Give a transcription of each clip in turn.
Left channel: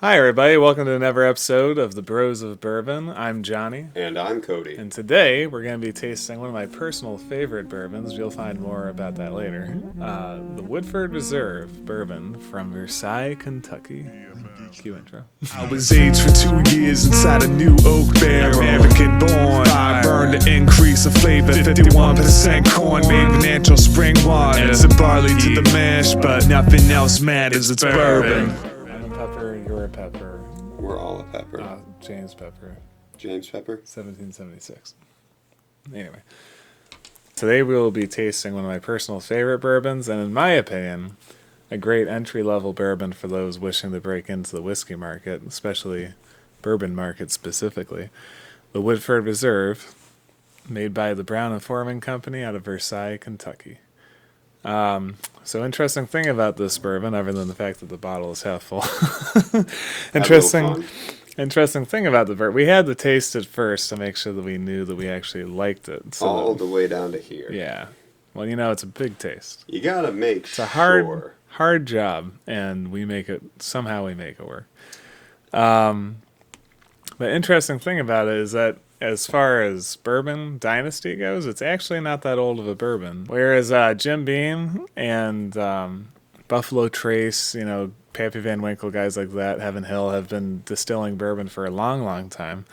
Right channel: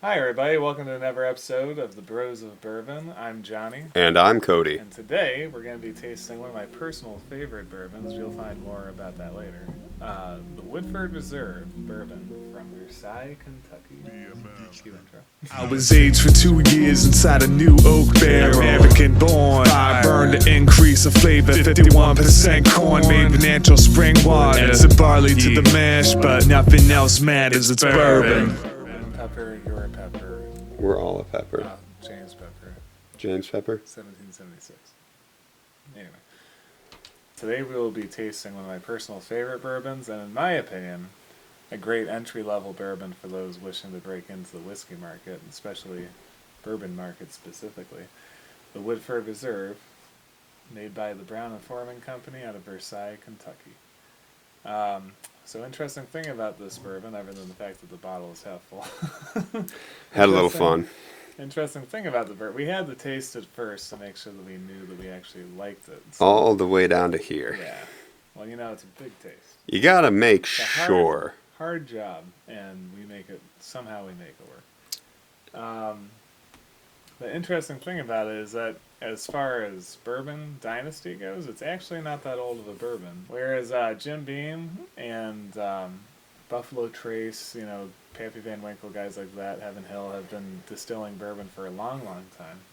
Hi, everybody. Welcome to another episode of the Bros of Bourbon. I'm Johnny. And I'm Cody. And today we're going to be tasting one of my personal favorite bourbons. You'll find more about that later. The Woodford Reserve Bourbon from Versailles, Kentucky. Cue intro. I was aged for 2 years inside a new oak barrel. American born, fire burn to increase the flavor. 51% corn made with natural spring water. Add some barley to the mash, but nothing else matters. It's bourbon. Pepper, you're a pepper. We're all a pepper. James Pepper, James Pepper? 1776. Anyway, today we will be tasting one of my personal favorite bourbons, and in my opinion, a great entry-level bourbon for those wishing to break into the whiskey market, especially bourbon market specifically. The Woodford Reserve, made by the Brown and Foreman Company out of Versailles, Kentucky. So interesting thing about this bourbon, other than the fact that the bottle is half full. Had a little fun. Interesting thing about the bourbon, we had to taste it first to make sure that we knew that we actually liked it. So All the way down to here. yeah. Well, you know, it's a big taste. You gotta make It's a sure. hard job, and we make it work. The interesting thing about it is that as far as bourbon dynasty goes, it's actually not that old of a bourbon. Whereas Jim Beam and Buffalo Trace, Pappy Van Winkle, guys like that, Heaven Hill, have been distilling bourbon for a long, long time.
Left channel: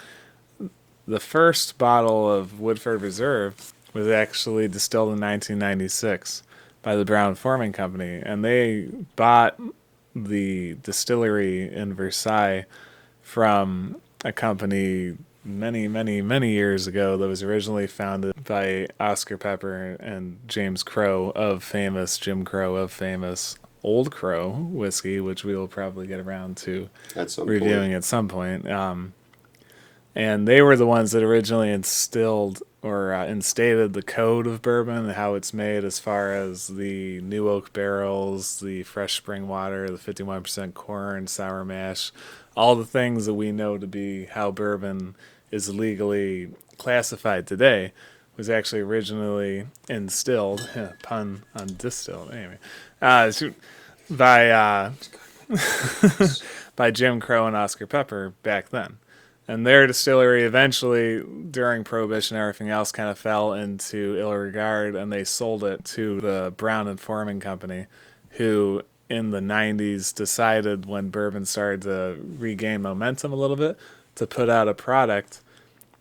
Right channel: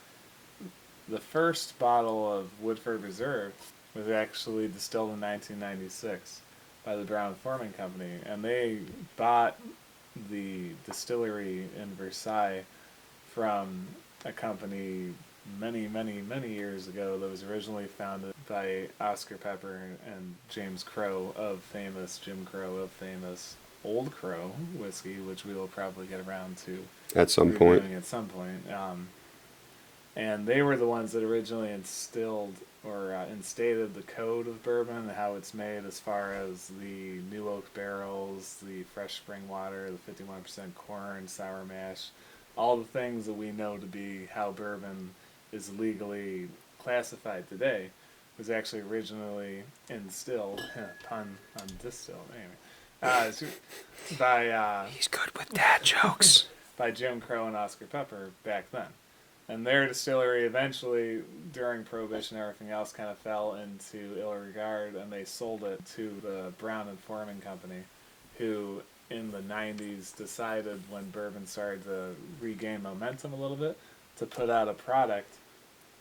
The first bottle of Woodford Reserve was actually distilled in 1996 by the Brown Foreman Company, and they bought the distillery in Versailles from a company many, many, many years ago that was originally founded by Oscar Pepper and James Crow of famous Jim Crow of famous Old Crow whiskey, which we will probably get around to At some reviewing point. at some point. And they were the ones that originally instilled or instated the code of bourbon and how it's made, as far as the new oak barrels, the fresh spring water, the 51% corn, sour mash, all the things that we know to be how bourbon is legally classified today, was actually originally instilled, pun on distilled, anyway, by He's good with bad jokes. by Jim Crow and Oscar Pepper back then. And their distillery eventually, during Prohibition and everything else, kind of fell into ill regard, and they sold it to the Brown and Foreman Company, who in the 90s decided, when bourbon started to regain momentum a little bit, to put out a product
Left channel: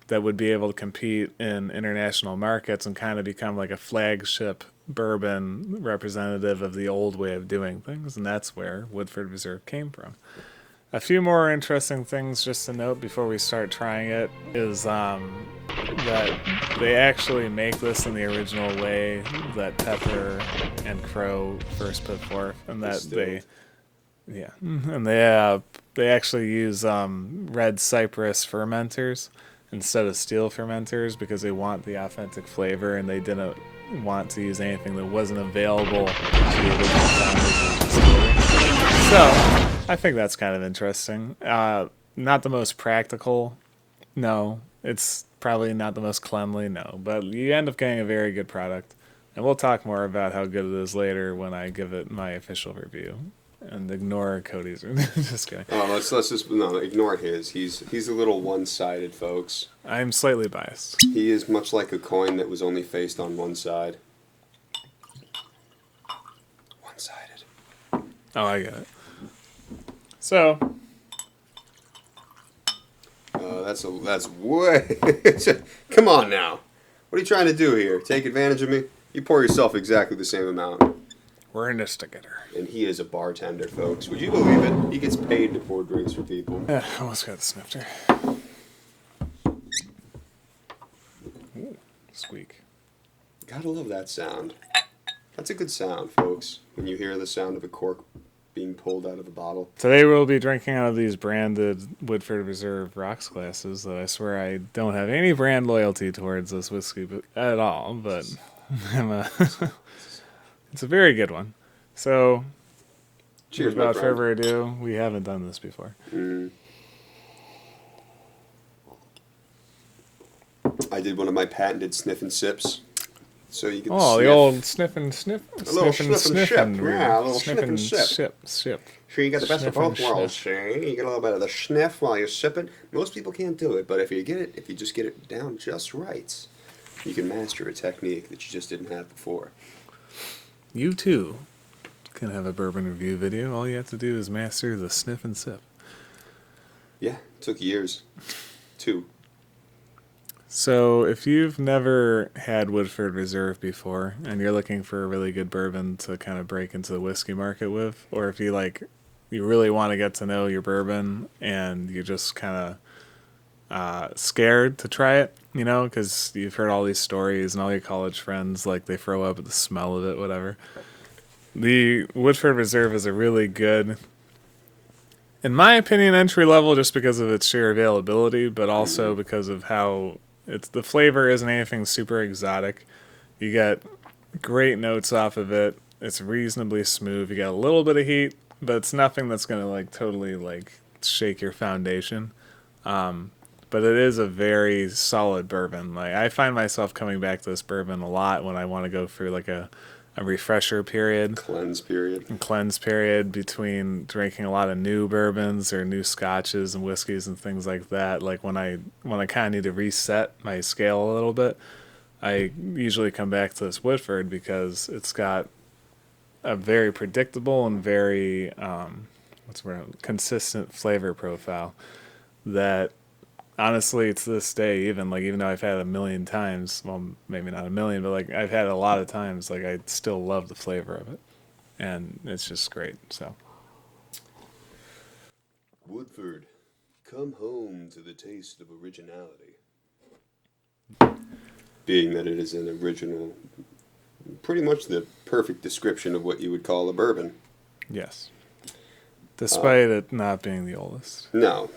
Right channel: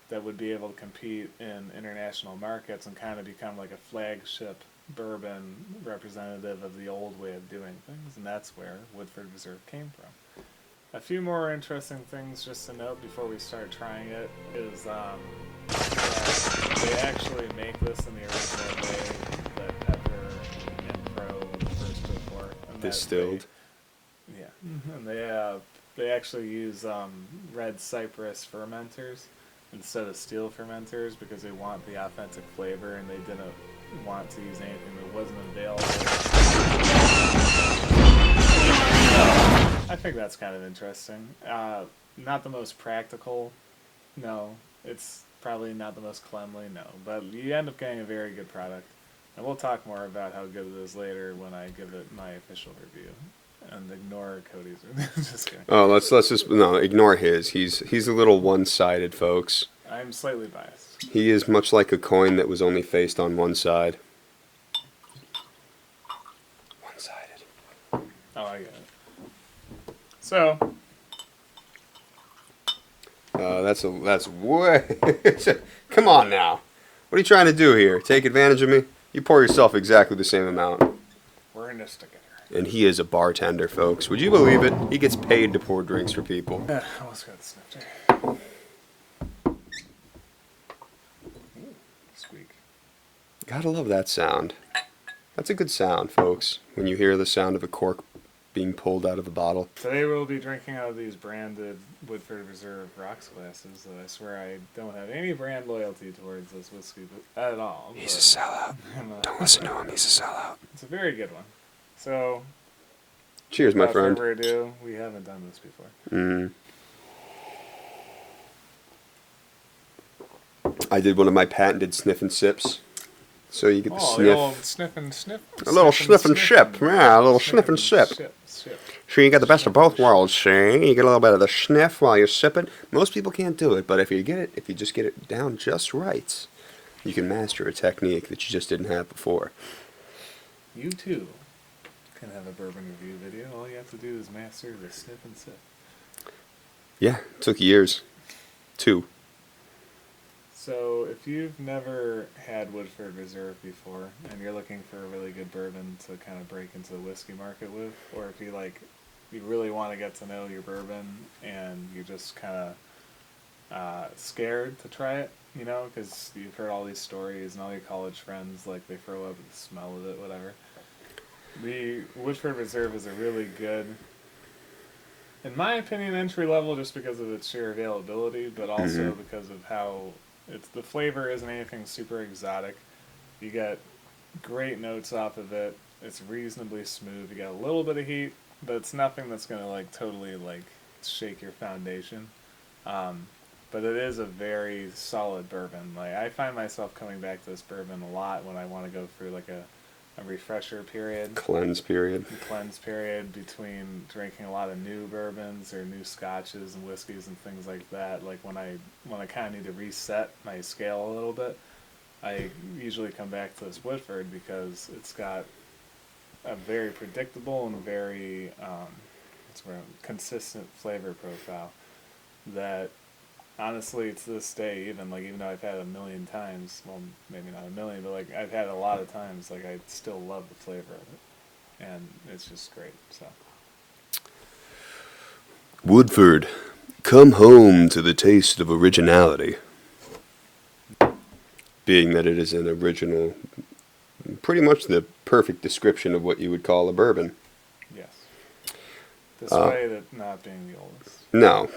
that would be able to compete in international markets and kind of become like a flagship bourbon representative of the old way of doing things. And that's where Woodford Reserve came from. A few more interesting things just to note before we start trying it is that they actually make this in the original way that Pepper and Crow first put forth, and that Distilled. they actually use red cypress fermenters instead of steel fermenters because they want the authentic flavor, and they didn't want to use anything that wasn't available. So, I think that's kind of interesting. Not the most practical, no. It's probably not the most cleanly, no. But you end up getting a very good product. And we'll talk more about how good it is later when I give it my official review. And ignore Cody's. Just kidding. Oh, let's just ignore his. He's a little one-sided, folks. I'm slightly biased. He is much like a coin that was only faced on one side. One-sided. Oh, I get it. So, That's way. Come on now. What are you trying to do here? Take advantage of me? You pour yourself exactly the same amount. we're in this together. And he is a bartender, folks. Would you believe it? He gets paid to pour drinks for people. Almost got the snifter. Ooh, squeak. Gotta love that sound. That's a good sound, folks, when you hear the sound of a cork being pulled out of a bottle. Today we'll be drinking out of these branded Woodford Reserve rocks glasses that I swear I don't have any brand loyalty towards this whiskey at all. He's a sellout. But Listen to him, he's a sellout. it's a very good one. So, Cheers, my without friend. further ado, we haven't done this before. I did one of my patented sniff and sips. So you get the Oh, sniff. the old sniff and sniff. A little sniff and sip. Yeah, a little sniff and sip. Sip. So you get the best of Sniff and both worlds, see? You get a little bit of the sniff while you're sipping. Most people can't do it, but if you just get it down just right, you can master a technique that you just didn't have before. You too can have a bourbon review video. All you have to do is master the sniff and sip. Yeah, it took years. 2. So, if you've never had Woodford Reserve before and you're looking for a really good bourbon to kind of break into the whiskey market with, or if you really want to get to know your bourbon and you're just kind of scared to try it, because you've heard all these stories and all your college friends, like, they throw up at the smell of it, whatever. The Woodford Reserve is a really good, in my opinion, entry level just because of its sheer availability, but also because of how the flavor isn't anything super exotic. You get great notes off of it. It's reasonably smooth. You get a little bit of heat, but it's nothing that's gonna totally shake your foundation. But it is a very solid bourbon. I find myself coming back to this bourbon a lot when I want to go through a refresher period. Cleanse period Between drinking a lot of new bourbons or new scotches and whiskeys and things like that. When I kind of need to reset my scale a little bit, I usually come back to this Woodford because it's got a very predictable and very consistent flavor profile that honestly, to this day, even though I've had it a million times, well, maybe not a million, but I've had it a lot of times, I still love the flavor of it, and it's just great. So, Woodford, come home to the taste of originality. Being that it is an original, pretty much the perfect description of what you would call a bourbon. yes. Despite it not being the oldest. No,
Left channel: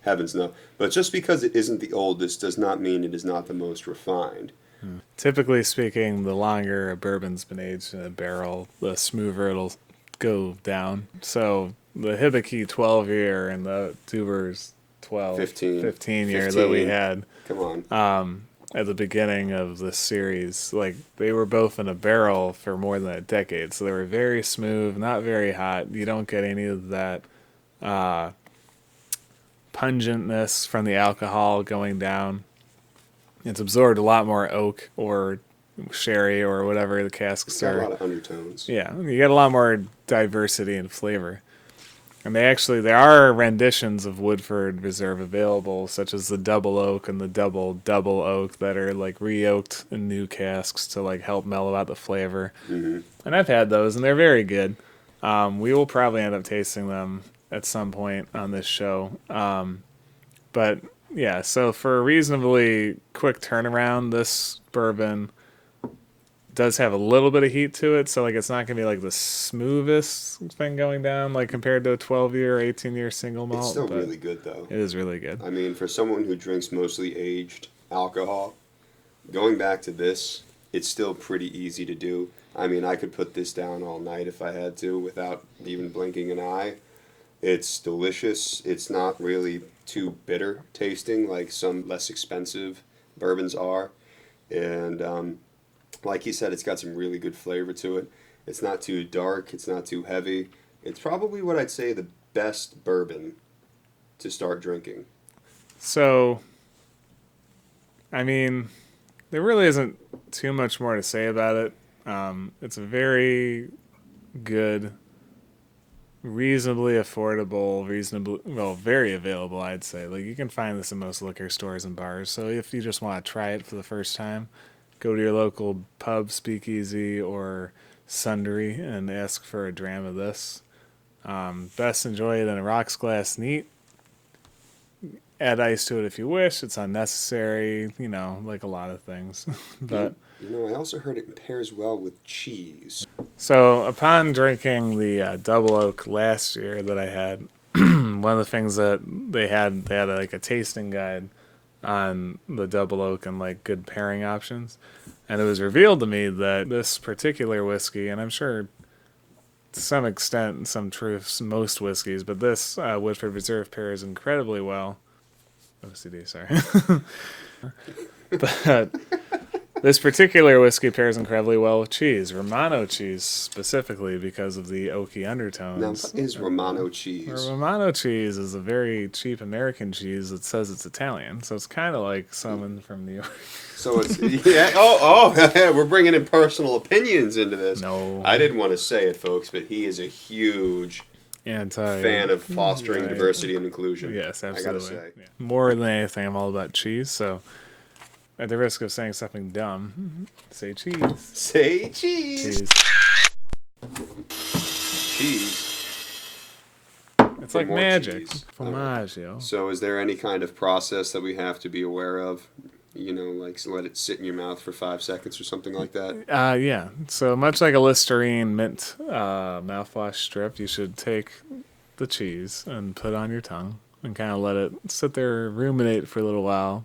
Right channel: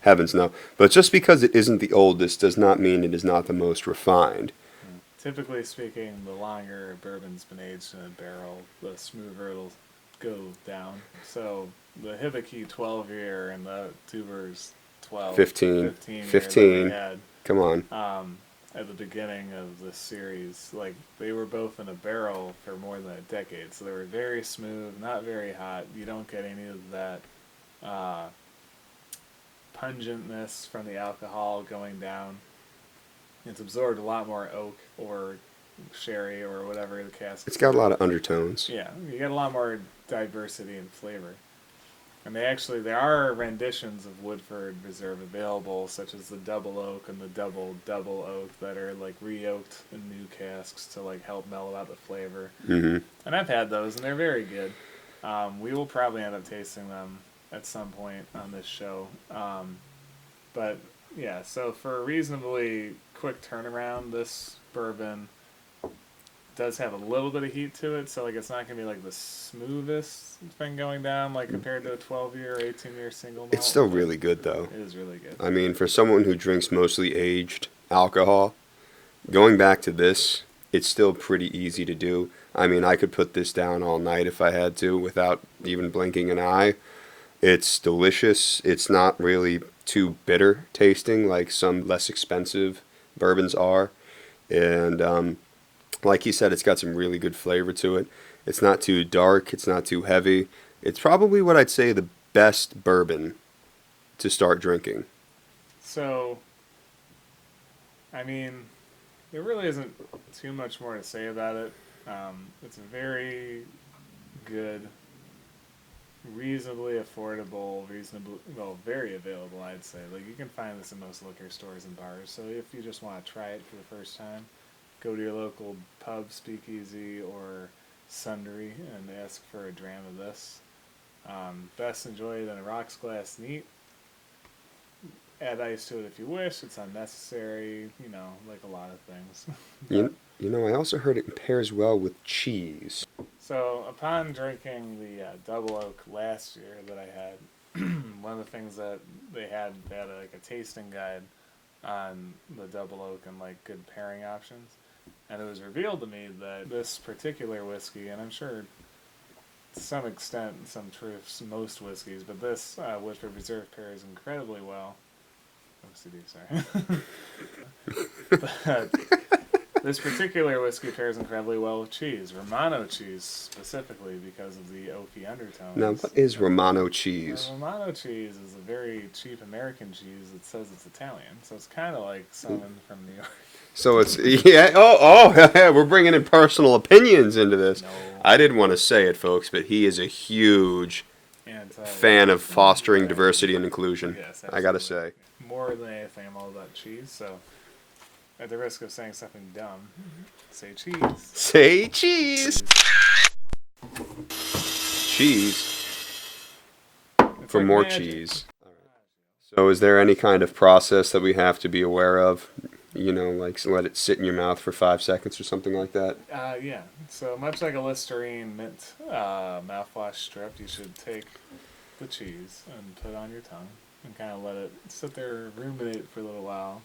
heavens no. But just because it isn't the oldest does not mean it is not the most refined. Yeah. Typically speaking, the longer a bourbon's been aged in a barrel, the smoother it'll go down. So the Hibiki 12-year and the Tuber's 15 year that we had. Come on. At the beginning of this series, they were both in a barrel for more than a decade, so they were very smooth, not very hot. You don't get any of that pungentness from the alcohol going down. It's absorbed a lot more oak or sherry or whatever the cask. It's got a lot of undertones. Yeah, you get a lot more diversity in flavor. And there are renditions of Woodford Reserve available, such as the double oak and the double oak that are re-oaked in new casks to help mellow out the flavor. Mm-hmm. And I've had those, and they're very good. We will probably end up tasting them at some point on this show. But yeah, so for a reasonably quick turnaround, this bourbon does have a little bit of heat to it, so it's not gonna be the smoothest thing going down compared to a 12-year, 18-year single malt. It's still really good though. It is really good. I mean, for someone who drinks mostly aged alcohol, going back to this, it's still pretty easy to do. I mean, I could put this down all night if I had to without even blinking an eye. It's delicious. It's not really too bitter tasting like some less expensive bourbons are, and like you said, it's got some really good flavor to it. It's not too dark. It's not too heavy. It's probably what I'd say the best bourbon to start drinking. So, I mean, there really isn't too much more to say about it. It's a very good, reasonably affordable, very available, I'd say. You can find this in most liquor stores and bars. So if you just want to try it for the first time, go to your local pub, speakeasy, or sundry and ask for a dram of this. Best enjoy it in a rocks glass neat. Add ice to it if you wish. It's unnecessary, like a lot of things. But I also heard it pairs well with cheese. So upon drinking the double oak last year that I had, one of the things that they had a tasting guide on the double oak and good pairing options, and it was revealed to me that this particular whiskey, and I'm sure to some extent, some truths, most whiskeys, but this Woodford Reserve pairs incredibly well. OCD, sorry. But This particular whiskey pairs incredibly well with cheese, Romano cheese specifically because of the oaky undertones. Now, what is Romano cheese? Romano cheese is a very cheap American cheese that says it's Italian, so it's kind of like someone from New York. So it's we're bringing in personal opinions into this. No. I didn't want to say it, folks, but he is a huge fan of fostering diversity and inclusion. Yes, absolutely. I gotta say. More than anything, I'm all about cheese, so at the risk of saying something dumb, say cheese. Say cheese. Cheese. It's For like more magic. cheese. Formaggio. So is there any kind of process that we have to be aware of? You know, like let it sit in your mouth for 5 seconds or something like that? Yeah. So much like a Listerine mint mouthwash strip, you should take the cheese and put it on your tongue and kind of let it sit there, ruminate for a little while.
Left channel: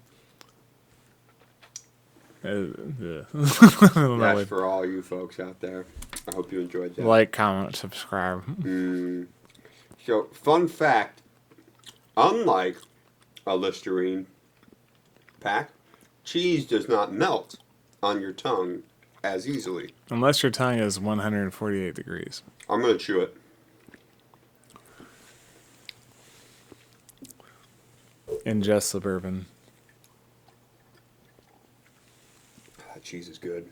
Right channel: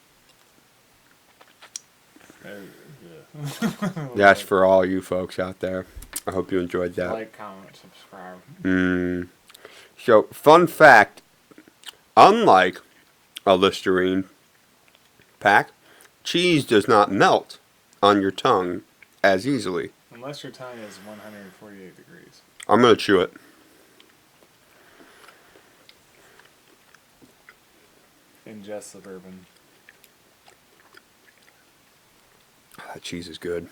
That's for all you folks out there. I hope you enjoyed that. Like, comment, subscribe. So, fun fact, unlike a Listerine pack, cheese does not melt on your tongue as easily. Unless your tongue is 148 degrees. I'm going to chew it. Ingest the bourbon. That cheese is good.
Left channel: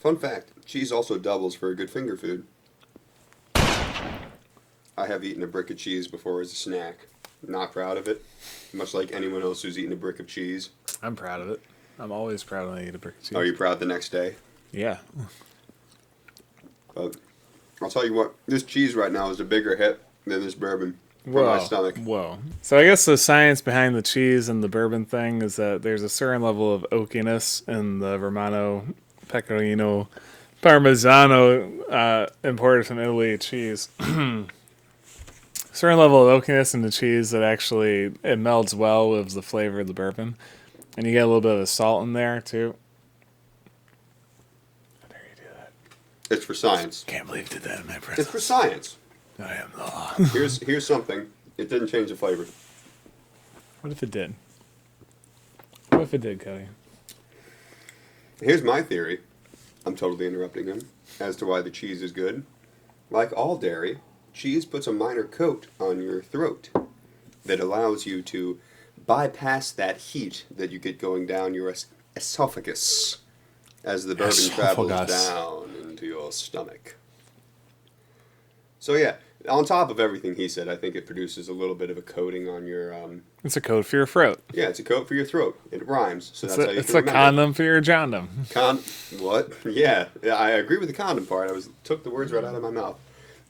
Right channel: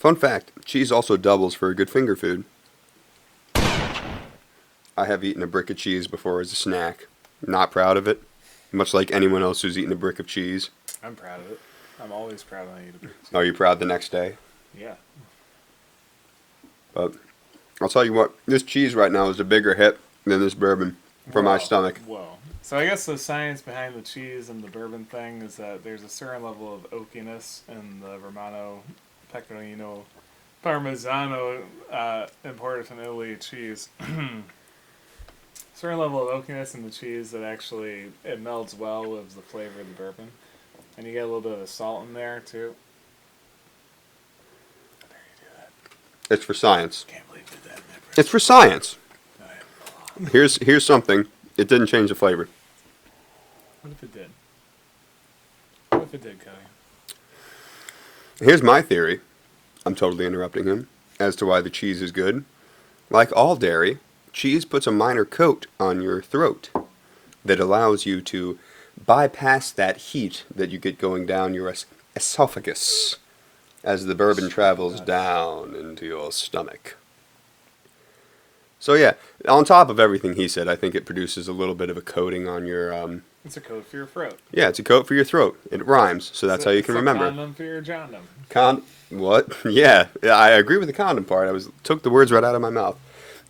Fun fact, cheese also doubles for a good finger food. I have eaten a brick of cheese before as a snack. Not proud of it, much like anyone else who's eaten a brick of cheese. I'm proud of it. I'm always proud when I eat a brick of cheese. Are you proud the next day? Yeah. But I'll tell you what, this cheese right now is a bigger hit than this bourbon for my stomach. Whoa. So I guess the science behind the cheese and the bourbon thing is that there's a certain level of oakiness in the Romano, Pecorino, Parmigiano imported from Italy cheese. Certain level of oakiness in the cheese that actually it melds well with the flavor of the bourbon, and you get a little bit of salt in there too. How dare you do that? It's for science. Can't believe you did that in my presence. It's for science. I am the law. Here's something. It didn't change the flavor. What if it did? What if it did, Cody? Here's my theory. I'm totally interrupting him. As to why the cheese is good. Like all dairy, cheese puts a minor coat on your throat that allows you to bypass that heat that you get going down your esophagus as the bourbon travels down into your stomach. So yeah, on top of everything he said, I think it produces a little bit of a coating on your... It's a coat for your throat. Yeah, it's a coat for your throat. It rhymes, so that's how you can remember. It's a condom for your jondom. What? Yeah, I agree with the condom part. Took the words right out of my mouth.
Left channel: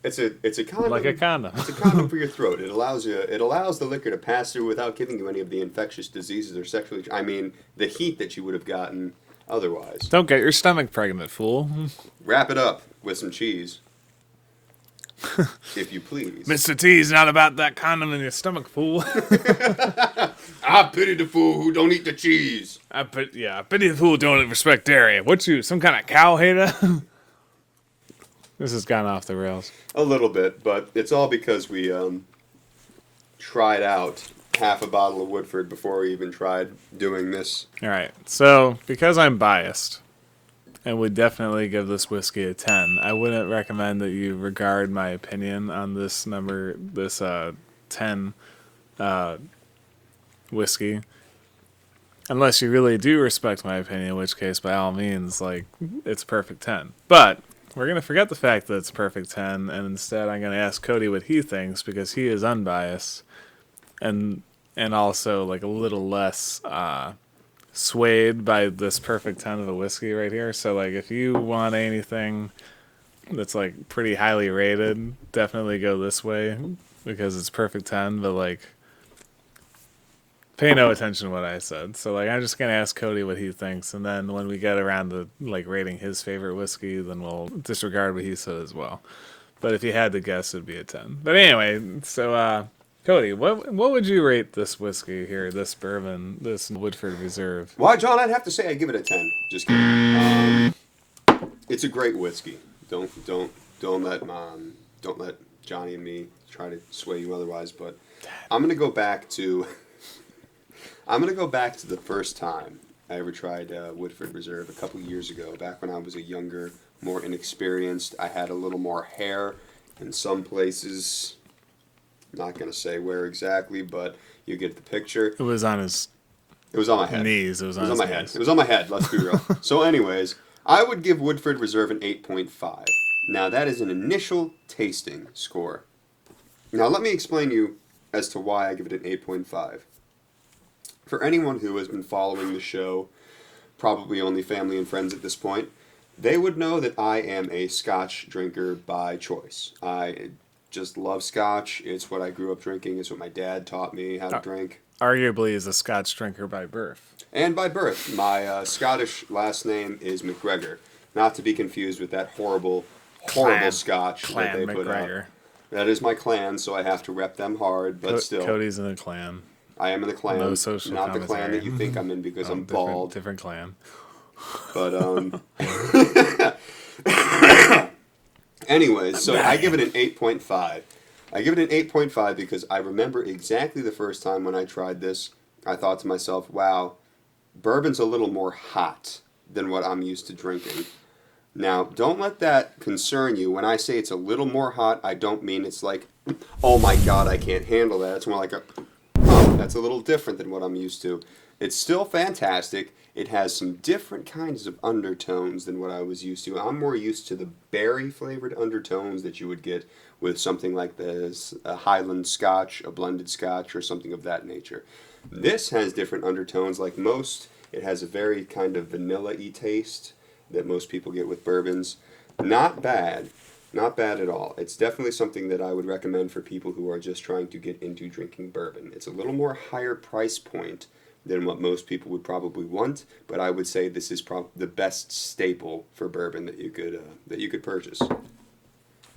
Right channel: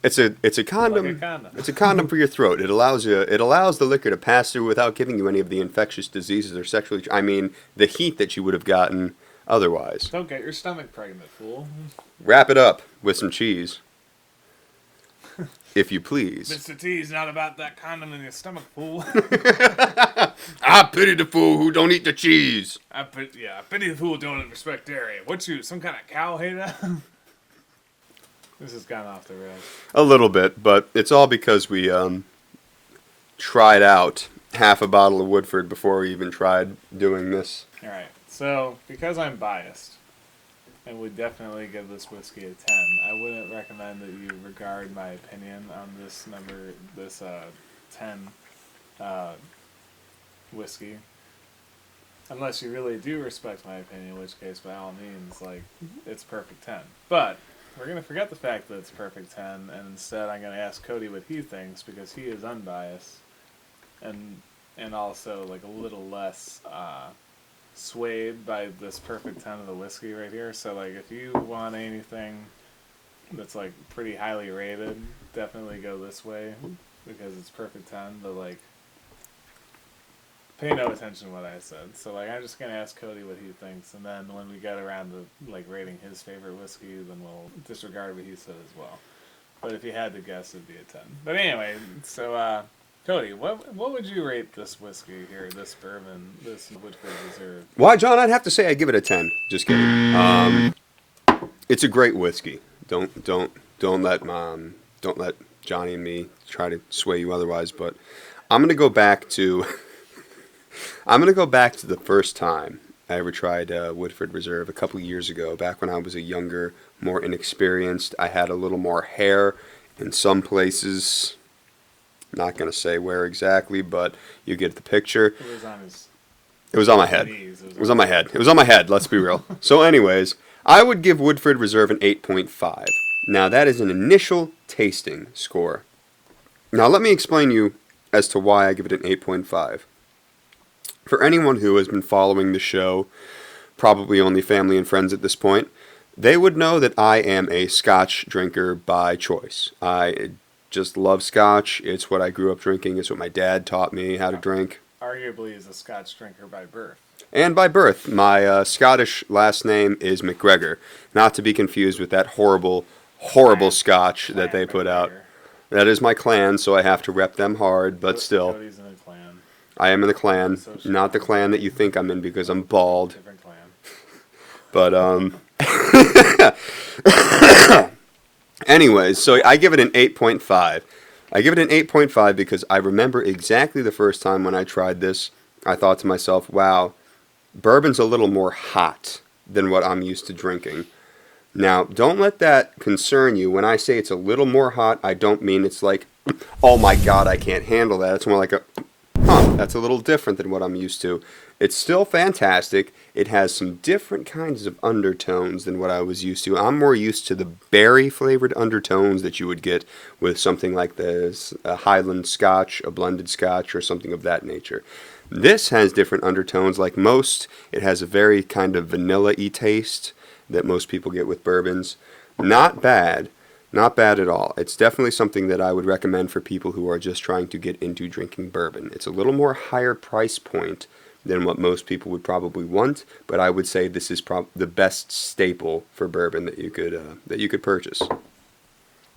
It's a condom. Like a condom. It's a condom for your throat. It allows the liquor to pass through without giving you any of the infectious diseases or the heat that you would have gotten otherwise. Don't get your stomach pregnant, fool. Wrap it up with some cheese. If you please. Mr. T's not about that condom in your stomach, fool. I pity the fool who don't eat the cheese. I pity the fool who don't respect dairy. What you, some kind of cow hater? This has gone off the rails. A little bit, but it's all because we tried out half a bottle of Woodford before we even tried doing this. All right. So, because I'm biased and would definitely give this whiskey a 10, I wouldn't recommend that you regard my opinion on this 10 whiskey. Unless you really do respect my opinion, in which case, by all means, like, it's a perfect 10. But we're going to forget the fact that it's a perfect 10, and instead I'm going to ask Cody what he thinks, because he is unbiased and also, like, a little less swayed by this perfect 10 of the whiskey right here. So, like, if you want anything that's, like, pretty highly rated, definitely go this way, because it's perfect 10, but, like, pay no attention to what I said. So, like, I'm just going to ask Cody what he thinks, and then when we get around to, like, rating his favorite whiskey, then we'll disregard what he said as well. But if you had to guess, it'd be a 10. But anyway, so, Cody, what would you rate this whiskey here, this bourbon, this Woodford Reserve? Why, John, I'd have to say I give it a 10. Just kidding. It's a great whiskey. Don't let Johnny and me try to sway you otherwise, but I'm gonna go back to the first time I ever tried Woodford Reserve a couple years ago, back when I was a younger, more inexperienced. I had a little more hair in some places. Not gonna say where exactly, but you get the picture. It was on his It was on my head. knees. It was on my head. It was on my head, let's be real. So anyways, I would give Woodford Reserve an 8.5. Now that is an initial tasting score. Now let me explain you as to why I give it an 8.5. For anyone who has been following the show, probably only family and friends at this point, they would know that I am a Scotch drinker by choice. I just love Scotch. It's what I grew up drinking. It's what my dad taught me how to drink. Arguably is a Scotch drinker by birth. And by birth. My Scottish last name is McGregor. Not to be confused with that horrible Scotch that they put out. That is my clan, so I have to rep them hard, but still. Cody's in the clan. I am in the clan, No not the clan that you think I'm in because I'm bald. Different clan. But, anyways, so I give it an 8.5. I give it an 8.5 because I remember exactly the first time when I tried this, I thought to myself, wow, bourbon's a little more hot than what I'm used to drinking. Now, don't let that concern you. When I say it's a little more hot, I don't mean it's like, oh my god, I can't handle that. It's more like that's a little different than what I'm used to. It's still fantastic. It has some different kinds of undertones than what I was used to. I'm more used to the berry-flavored undertones that you would get with something like this, a Highland Scotch, a blended Scotch, or something of that nature. This has different undertones. Like most, it has a very kind of vanilla-y taste that most people get with bourbons. Not bad. Not bad at all. It's definitely something that I would recommend for people who are just trying to get into drinking bourbon. It's a little more higher price point than what most people would probably want, but I would say this is the best staple for bourbon that you could purchase.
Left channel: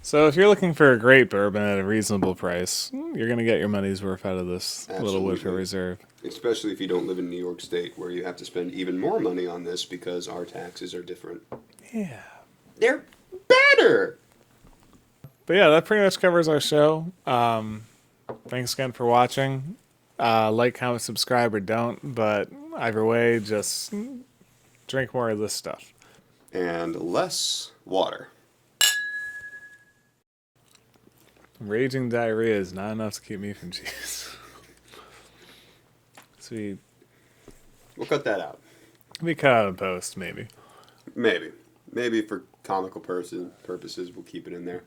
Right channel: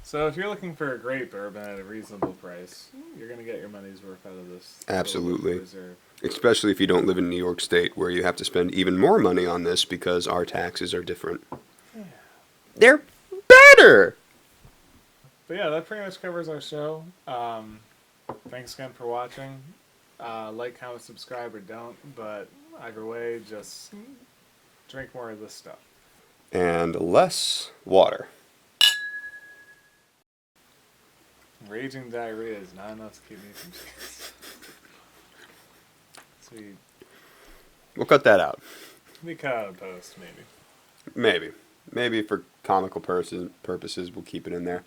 So if you're looking for a great bourbon at a reasonable price, you're going to get your money's worth out of this little Woodford Reserve. Especially if you don't live in New York State, where you have to spend even more money on this because our taxes are different. Yeah. They're better! But yeah, that pretty much covers our show. Thanks again for watching. Like, comment, subscribe, or don't. But either way, just drink more of this stuff. And less water. Raging diarrhea is not enough to keep me from cheese. Sweet. We'll cut that out. We cut out a post, maybe. Maybe for comical purposes, we'll keep it in there.